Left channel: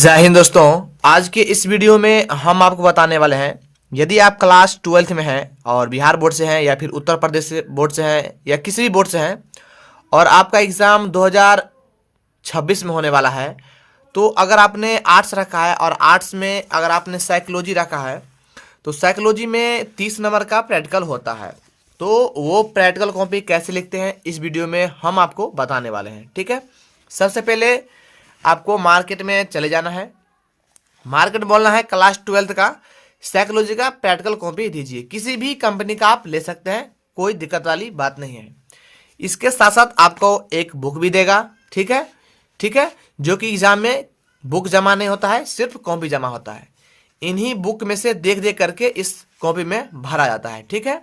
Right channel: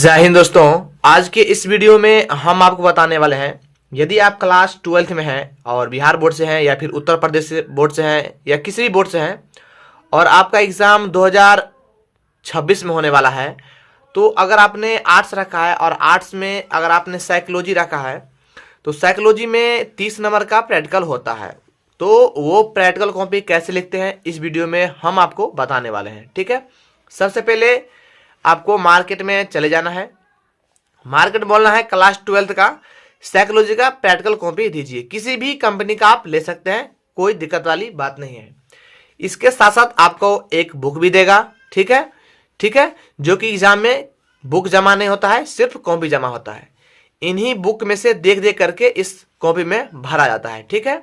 जय हिंद दोस्तों। आज के इस वीडियो में हम आपको बताने वाले हैं, यदि आप क्लास 12th में हैं और बिहार बोर्ड से हैं या फिर उत्तर प्रदेश बोर्ड से हैं या किसी भी बोर्ड से हैं और आपका एग्ज़ाम 2026 में होने वाला है, तो अगर आपने आर्ट्स रखा है और आर्ट्स में अगर आपने साइकोलॉजी रखा है तो साइकोलॉजी में 30 नंबर का प्रैक्टिकल होता है। तो वो प्रैक्टिकल कॉपी कैसे लिखते हैं इस वीडियो में हम आपको बताने वाले हैं। ठीक है, सबसे पहले आपको मार्केट में चले जाना है, मार्केट बोलना है क्लास 12th का साइकोलॉजी का प्रैक्टिकल कॉपी दीजिए। किसी भी कंपनी का आप ले सकते हैं, कोई दिक्कत वाली बात नहीं है। इसके साथ साथ आपको एक बुक भी देगा। ठीक है, ठीक है, जो कि एग्जाम में बुक जमा नहीं होता है, सिर्फ कॉपी जमा होता है। इन्हीं बुक में से देख देख करके इस कॉपी में भरा जाता है। ठीक है,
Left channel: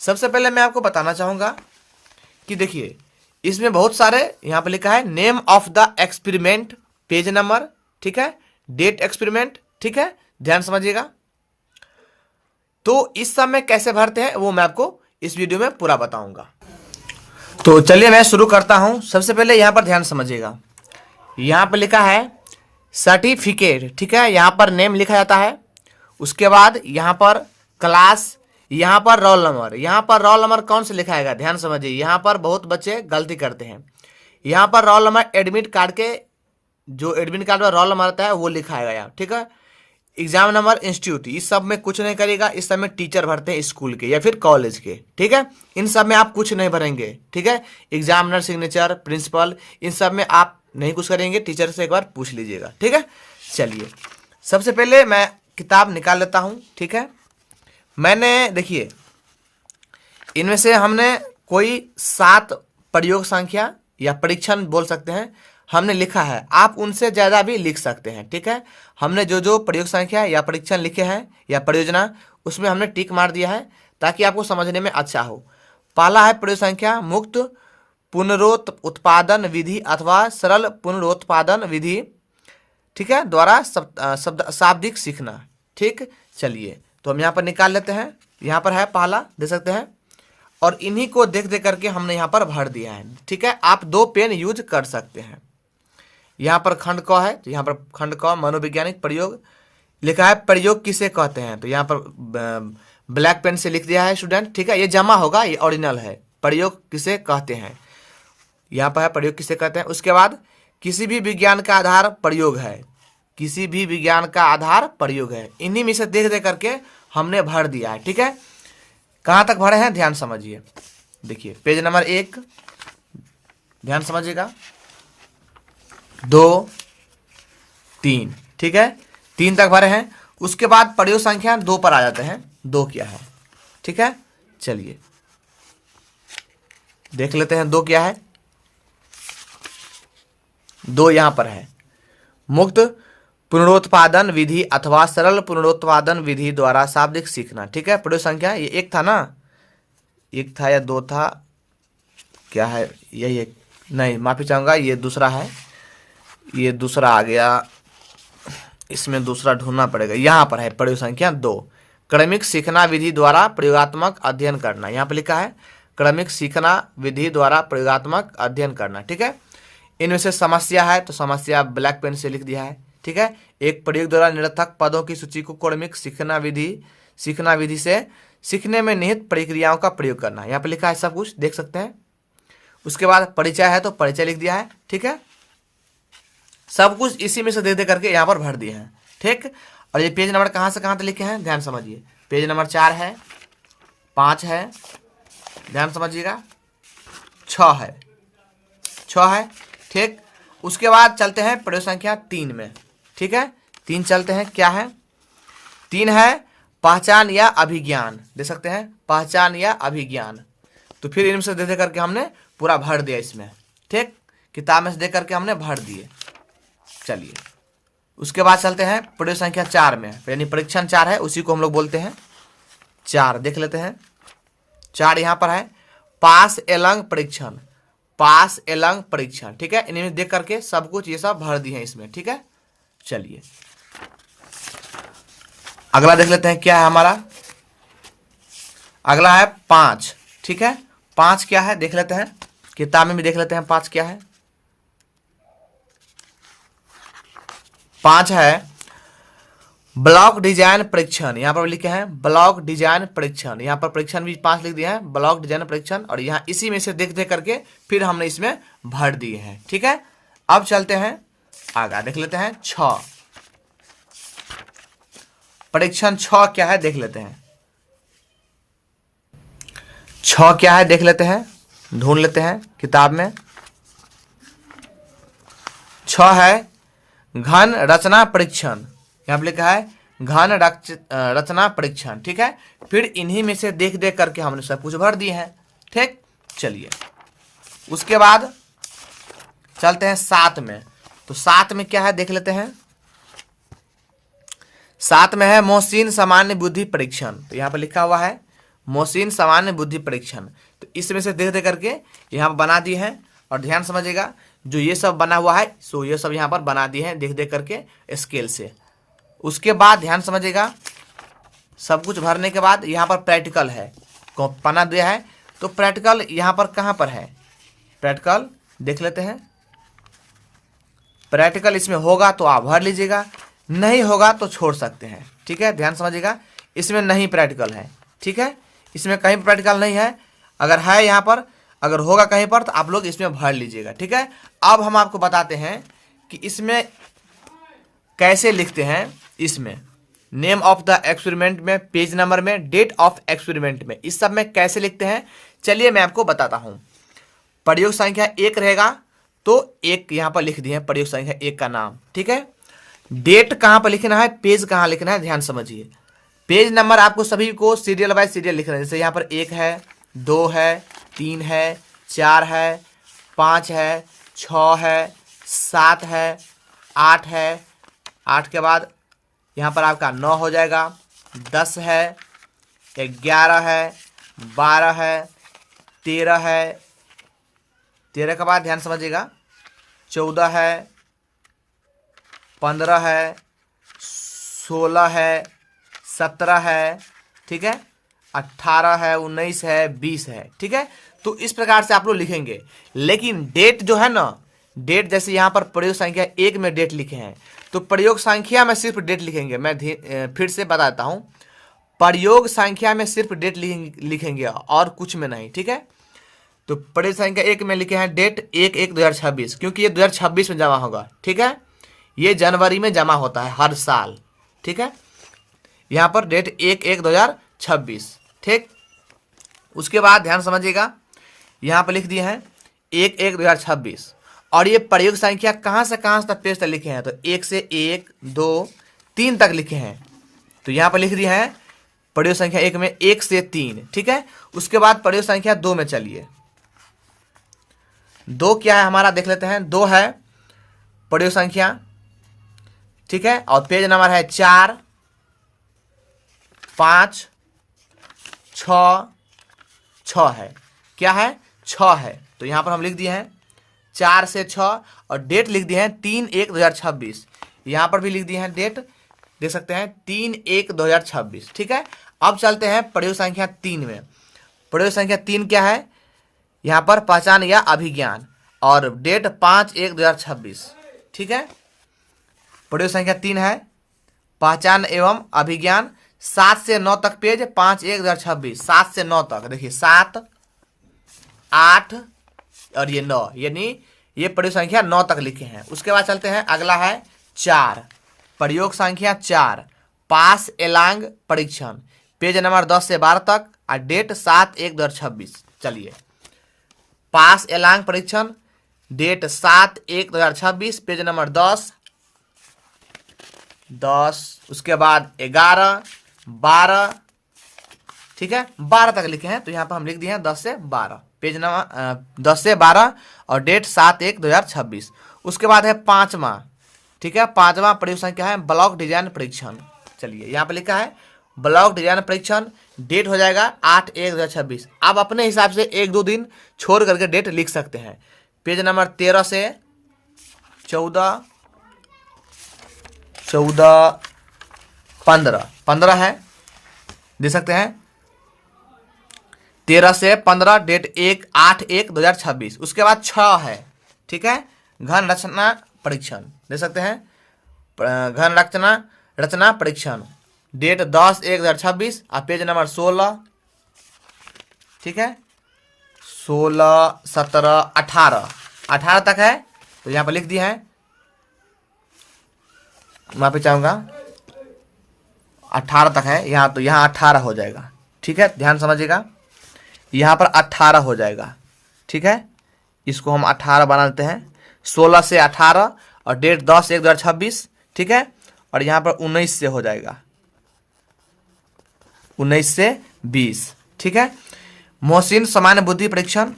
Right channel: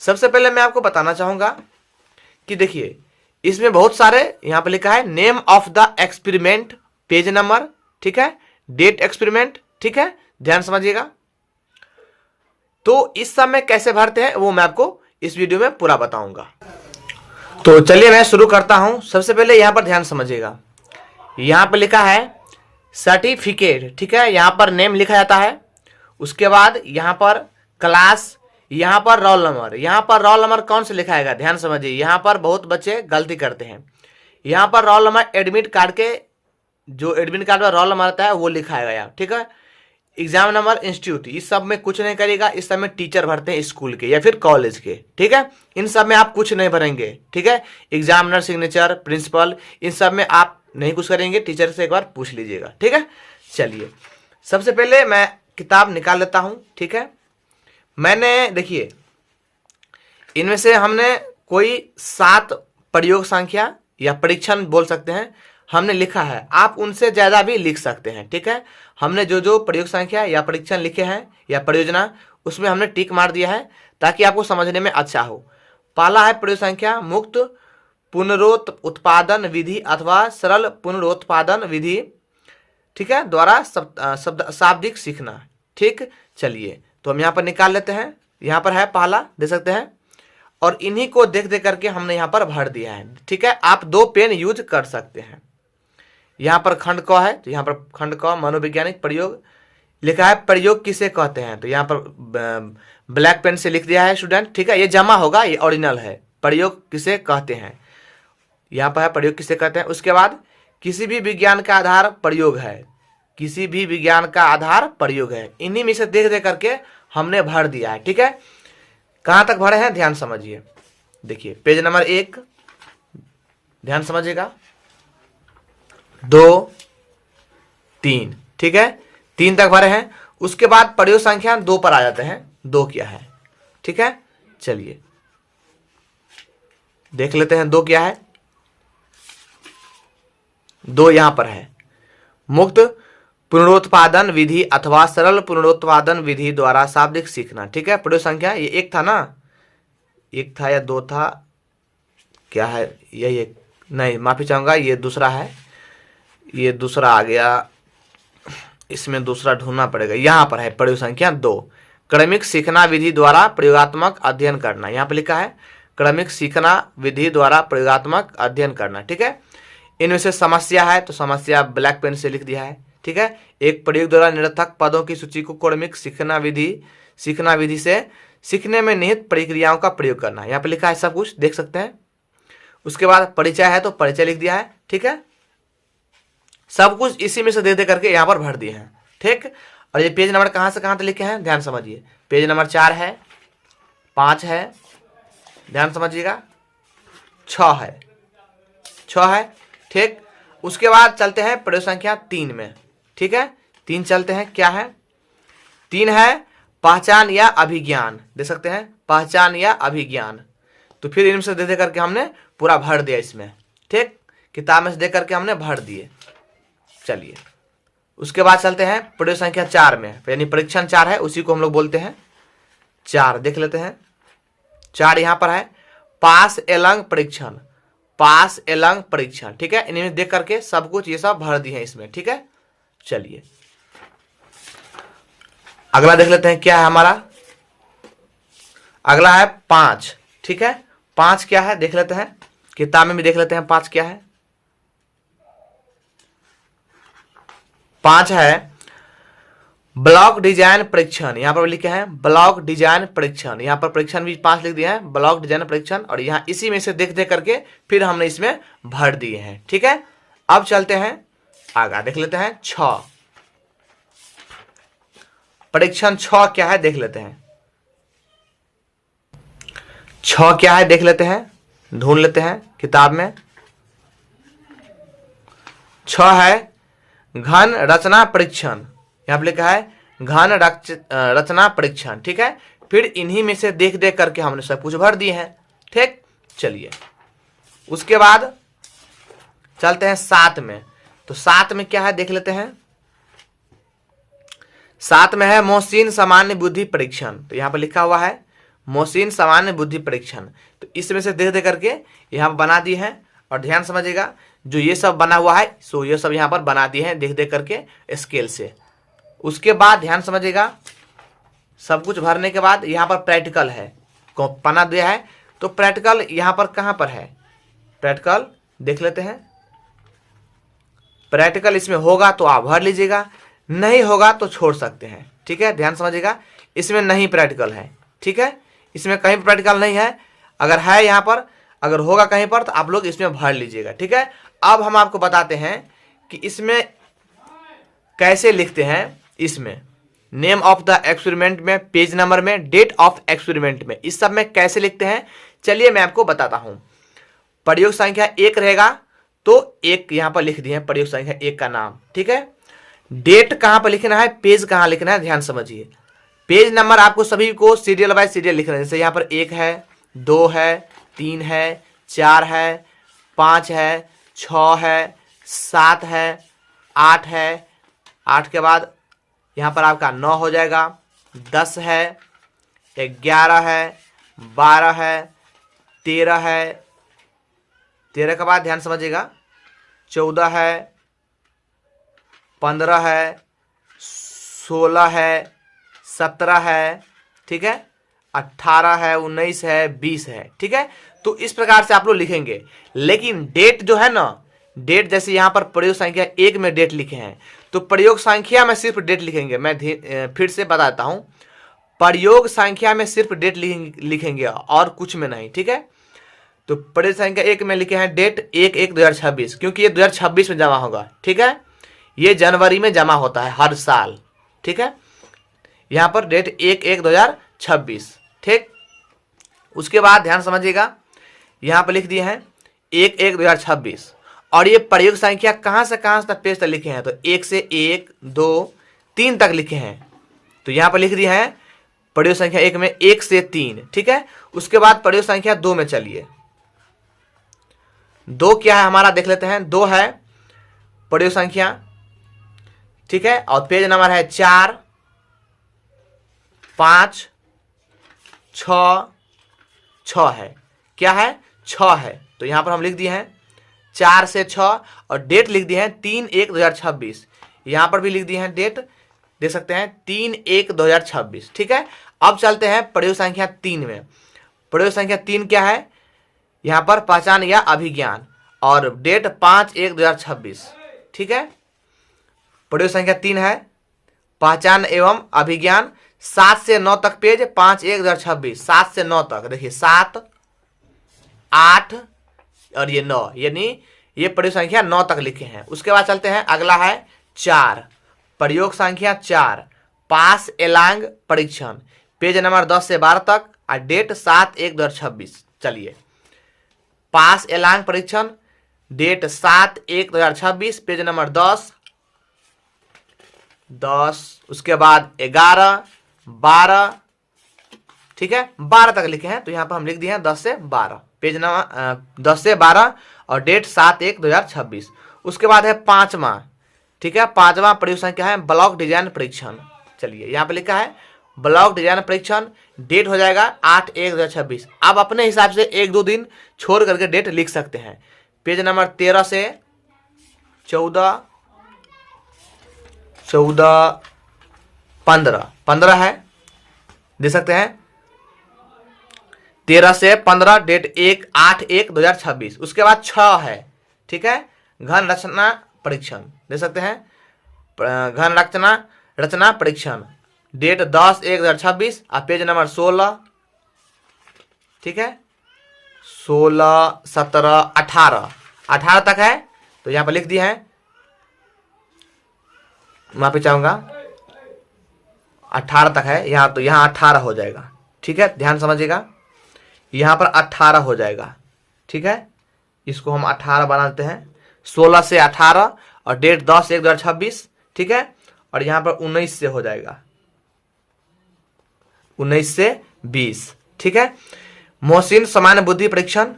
सबसे पहले मैं आपको बताना चाहूँगा कि देखिए इसमें बहुत सारे यहाँ पर लिखा है name of the experiment, page number, ठीक है, डेट एक्सपेरिमेंट, ठीक है, ध्यान समझिएगा। तो इस सब में कैसे भरते हैं वो मैं आपको इस वीडियो में पूरा बताऊंगा। तो चलिए मैं शुरू करता हूं। सबसे पहले यहाँ पर ध्यान समझिएगा, यहाँ पर लिखा है सर्टिफिकेट, ठीक है, यहाँ पर नेम लिखा जाता है। उसके बाद यहाँ पर क्लास, यहाँ पर रोल नंबर। यहाँ पर रोल नंबर कौन से लिखाएगा, ध्यान समझिए, यहाँ पर बहुत बच्चे गलती करते हैं। यहाँ पर रोल नंबर एडमिट कार्ड के, जो एडमिट कार्ड में रोल नंबर आता है वो लिखाएगा यहाँ। ठीक है, एग्जाम नंबर, इंस्टीट्यूट, इस सब में कुछ नहीं करेगा। इस सब में टीचर भरते हैं स्कूल के या फिर कॉलेज के। ठीक है, इन सब में आप कुछ नहीं भरेंगे। ठीक है, एग्जामिनर सिग्नेचर, प्रिंसिपल, इन सब में आप नहीं कुछ करेंगे। टीचर से एक बार पूछ लीजिएगा। ठीक है, चलिए सबसे पहले मैं किताब निकाल लेता हूँ। ठीक है, मैंने देखिए इनमें से हमने कोई 7 प्रयोग संख्या या परीक्षण बोल सकते हैं हमने लिखा है। आप उनसे ज़्यादा भी लिख सकते हैं। ठीक है, हमने जो जो प्रयोग संख्या या परीक्षण लिखे हैं या परियोजना, उसमें हमने टिक मार दिया है ताकि आपको समझने में अच्छा हो। पहला है प्रयोग संख्या मुक्त पुनरुत्पादन विधि अथवा सरल पुनरुत्पादन विधि, ठीक है, द्वारा शाब्दिक सीखना। ठीक, चलिए तो हम यहाँ पर निकाल लेते हैं। यहाँ पर है पहला, देख सकते हैं, और इन्हीं को देख देख करके हमने यहाँ पर भर दिया है। ठीक है, आप 2 पेन यूज कर सकते हैं। यहाँ पर खंड क है, तो यहाँ पर खंड क मनोवैज्ञानिक प्रयोग लिखा है। प्रयोग किसे कहते हैं, तो यहाँ पर ब्लैक पेन से लिख दिया है स्टूडेंट। ठीक है, ये जमा होगा, ये ओरिजिनल है। प्रयोग किसे कहते हैं, यहाँ पर है प्रयोग किसे कहते हैं। उसके बाद किसी भी विज्ञान का आधार प्रयोग है, किसी भी विज्ञान का आधार प्रयोग है। इन्हीं में से देख देख करके हमने भर दिया है। ठीक है, कहाँ तक भरे हैं ध्यान समझिए। देखिए पेज नंबर 1, ध्यान समझिएगा, 2, 3, ठीक है, 3 तक भरे हैं। उसके बाद प्रयोग संख्या 2 पर आ जाते हैं। 2 क्या है, ठीक है, चलिए देख लेते हैं 2 क्या है। 2 यहां पर है मुक्त पुनरुत्पादन विधि अथवा सरल पुनरुत्पादन विधि द्वारा शाब्दिक सीखना। ठीक है, प्रयोग संख्या ये 1 था ना, 1 था या 2 था, क्या है, यही एक, नहीं माफी चाहूंगा, ये दूसरा है, ये दूसरा आ गया, इसमें दूसरा ढूंढना पड़ेगा। यहाँ पर है प्रयोग संख्या 2, क्रमिक सीखना विधि द्वारा प्रयोगात्मक अध्ययन करना। यहाँ पर लिखा है क्रमिक सीखना विधि द्वारा प्रयोगात्मक अध्ययन करना। ठीक है, इनमें से समस्या है तो समस्या ब्लैक पेन से लिख दिया है। ठीक है, एक प्रयोग द्वारा निरर्थक पदों की सूची को क्रमिक सीखना विधि से सीखने में निहित प्रक्रियाओं का प्रयोग करना। यहाँ पे लिखा है, सब कुछ देख सकते हैं। उसके बाद परिचय है तो परिचय लिख दिया है। ठीक है, सब कुछ इसी में से दे दे करके यहाँ पर भर दिए हैं। ठीक, और ये पेज नंबर कहाँ से कहाँ तक लिखे हैं ध्यान समझिए। पेज नंबर 4 है, 5 है, ध्यान समझिएगा, 6 है, 6 है। ठीक, उसके बाद चलते हैं प्रयोग संख्या 3 में। ठीक है, 3 चलते हैं, क्या है, 3 है पहचान या अभिज्ञान, देख सकते हैं, पहचान या अभिज्ञान। तो फिर इनमें से दे दे करके हमने पूरा भर दिया इसमें। ठीक, किताब में से दे करके हमने भर दिए। चलिए उसके बाद चलते हैं प्रयोग संख्या 4 में, यानी परीक्षण 4 है, उसी को हम लोग बोलते हैं 4। देख लेते हैं 4 यहाँ पर है पास एलंग परीक्षण, पास एलंग परीक्षण। ठीक है, इन्हें देख करके सब कुछ ये सब भर दिए हैं इसमें। ठीक है, चलिए अगला देख लेते हैं क्या है हमारा। अगला है 5। ठीक है, 5 क्या है देख लेते हैं, किताब में भी देख लेते हैं 5 क्या है। 5 है ब्लॉक डिजाइन परीक्षण, यहाँ पर लिखे हैं ब्लॉक डिजाइन परीक्षण, यहाँ पर परीक्षण भी 5 लिख दिए हैं, ब्लॉक डिजाइन परीक्षण, और यहाँ इसी में से देख देख करके फिर हमने इसमें भर दिए हैं। ठीक है, अब चलते हैं आगे, देख लेते हैं 6 परीक्षण 6 क्या है देख लेते हैं। 6 क्या है देख लेते हैं, ढूंढ लेते हैं किताब में। 6 है घन रचना परीक्षण, यहाँ पे लिखा है घन रचना परीक्षण। ठीक है, फिर इन्हीं में से देख देख करके हमने सब कुछ भर दिए हैं। ठीक, चलिए उसके बाद चलते हैं 7 में। तो 7 में क्या है देख लेते हैं। 7 में है मोहसिन सामान्य बुद्धि परीक्षण, तो यहाँ पर लिखा हुआ है मोहसिन सामान्य बुद्धि परीक्षण। तो इसमें से देख देख करके यहाँ पर बना दिए हैं, और ध्यान समझिएगा जो ये सब बना हुआ है सो ये सब यहाँ पर बना दिए हैं देख देख करके स्केल से। उसके बाद ध्यान समझिएगा, सब कुछ भरने के बाद यहाँ पर प्रैक्टिकल है, पन्ना दिया है, तो प्रैक्टिकल यहाँ पर कहाँ पर है, प्रैक्टिकल देख लेते हैं। प्रैक्टिकल इसमें होगा तो आप भर लीजिएगा, नहीं होगा तो छोड़ सकते हैं। ठीक है, ध्यान समझिएगा, इसमें नहीं प्रैक्टिकल है। ठीक है, इसमें कहीं प्रैक्टिकल नहीं है, अगर है यहाँ पर, अगर होगा कहीं पर तो आप लोग इसमें भर लीजिएगा। ठीक है, अब हम आपको बताते हैं कि इसमें कैसे लिखते हैं। इसमें नेम ऑफ द एक्सपेरिमेंट में, पेज नंबर में, डेट ऑफ एक्सपेरिमेंट में, इस सब में कैसे लिखते हैं चलिए मैं आपको बताता हूं। प्रयोग संख्या 1 रहेगा तो 1 यहां पर लिख दिए हैं, प्रयोग संख्या 1 का नाम। ठीक है, डेट कहां पर लिखना है, पेज कहां लिखना है, ध्यान समझिए। पेज नंबर आपको सभी को सीरियल बाय सीरियल लिखना है, जैसे यहाँ पर 1 है, 2 है, 3 है, 4 है, 5 है, 6 है, 7 है, 8 है, 8 के बाद यहाँ पर आपका 9 हो जाएगा, 10 है, 11 है, 12 है, 13 है, 13 के बाद ध्यान समझिएगा 14 है, 15 है, 16 है, 17 है, ठीक है, 18 है, 19 है, 20 है। ठीक है, तो इस प्रकार से आप लोग लिखेंगे। लेकिन डेट जो है ना, डेट जैसे यहाँ पर प्रयोग संख्या 1 में डेट लिखे हैं, तो प्रयोग संख्या में सिर्फ डेट लिखेंगे। मैं फिर से बताता हूँ, प्रयोग संख्या में सिर्फ डेट लिखेंगे और कुछ में नहीं। ठीक है, तो प्रयोग संख्या 1 में लिखे हैं डेट 1/1/2026, क्योंकि ये 2026 में जमा होगा। ठीक है, ये जनवरी में जमा होता है हर साल। ठीक है, यहाँ पर डेट 1/1/2026। ठीक, उसके बाद ध्यान समझिएगा, यहाँ पर लिख दिए हैं 1/1/2026, और ये प्रयोग संख्या कहाँ से कहाँ तक पेज तक लिखे हैं, तो 1 से 1, 2, 3 तक लिखे हैं। तो यहाँ पर लिख दिए हैं प्रयोग संख्या 1 में 1 से 3। ठीक है, उसके बाद प्रयोग संख्या 2 में चलिए। 2 क्या है हमारा देख लेते हैं। 2 है प्रयोग संख्या, ठीक है, और पेज नंबर है 4, 5, 6 है। क्या है, 6 है। तो यहाँ पर हम लिख दिए हैं 4 से 6, और डेट लिख दिए हैं 3/1/2026। यहाँ पर भी लिख दिए हैं डेट, देख सकते हैं 3/1/2026। ठीक है, अब चलते हैं प्रयोग संख्या 3 में। प्रयोग संख्या 3 क्या है, यहाँ पर पहचान या अभिज्ञान, और डेट 5/1/2026। ठीक है, प्रयोग संख्या 3 है पहचान एवं अभिज्ञान, 7 से 9 तक पेज, 5/1/2026, 7 से 9 तक। देखिए 7, 8 और ये 9, यानी ये प्रयोग संख्या 9 तक लिखे हैं। उसके बाद चलते हैं, अगला है 4, प्रयोग संख्या 4, पास एलांग परीक्षण, पेज नंबर 10 से 12 तक, और डेट 7/1/2026। चलिए, पास एलांग परीक्षण, डेट 7/1/2026, पेज नंबर 10, उसके बाद 11, 12, ठीक है, 12 तक लिखे हैं। तो यहाँ पर हम लिख दिए हैं 10 से 12, पेज नंबर 10 से 12, और डेट 7/1/2026। उसके बाद है 5वां, ठीक है, 5वां प्रयोग संख्या है ब्लॉक डिजाइन परीक्षण। चलिए, यहाँ पे लिखा है ब्लॉक डिजाइन परीक्षण, डेट हो जाएगा 8/1/2026। आप अपने हिसाब से 1-2 दिन छोड़ करके डेट लिख सकते हैं। पेज नंबर 13 से 14, 15 है, दे सकते हैं 13 से 15, डेट 8/1/2026। उसके बाद 6 है, ठीक है, घन रचना परीक्षण, दे सकते हैं घन रचना रचना परीक्षण, डेट 10/1/2026 और पेज नंबर 16, ठीक है, 16, 17, 18 तक है। तो यहाँ पर लिख दिया है, मैं पे चाहूंगा 18 तक है यहाँ, तो यहाँ 18 हो जाएगा, ठीक है, ध्यान समझिएगा, यहाँ पर 18 हो जाएगा, ठीक है, इसको हम 18 बनाते हैं, 16 से 18 और डेट 10/1/2026, ठीक है, और यहाँ पर 19 से हो जाएगा, 19 से 20, ठीक है। मोहसिन सामान्य बुद्धि परीक्षण,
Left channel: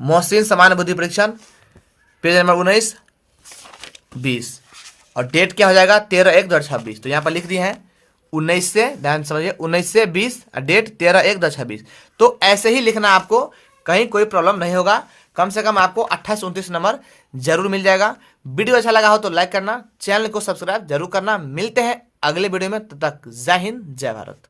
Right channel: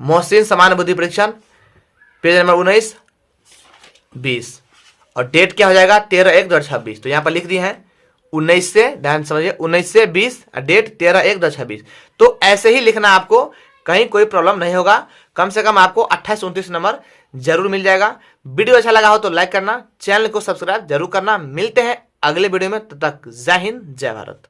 मोहसिन सामान्य बुद्धि परीक्षण, पेज नंबर 19, 20 और डेट क्या हो जाएगा 13/1/2026। तो यहाँ पर लिख दिए हैं 19 से, ध्यान समझिए, 19 से 20 और डेट 13/1/2026। तो ऐसे ही लिखना, आपको कहीं कोई प्रॉब्लम नहीं होगा, कम से कम आपको 28-29 नंबर जरूर मिल जाएगा। वीडियो अच्छा लगा हो तो लाइक करना, चैनल को सब्सक्राइब जरूर करना। मिलते हैं अगले वीडियो में, तब तक जय हिंद जय भारत।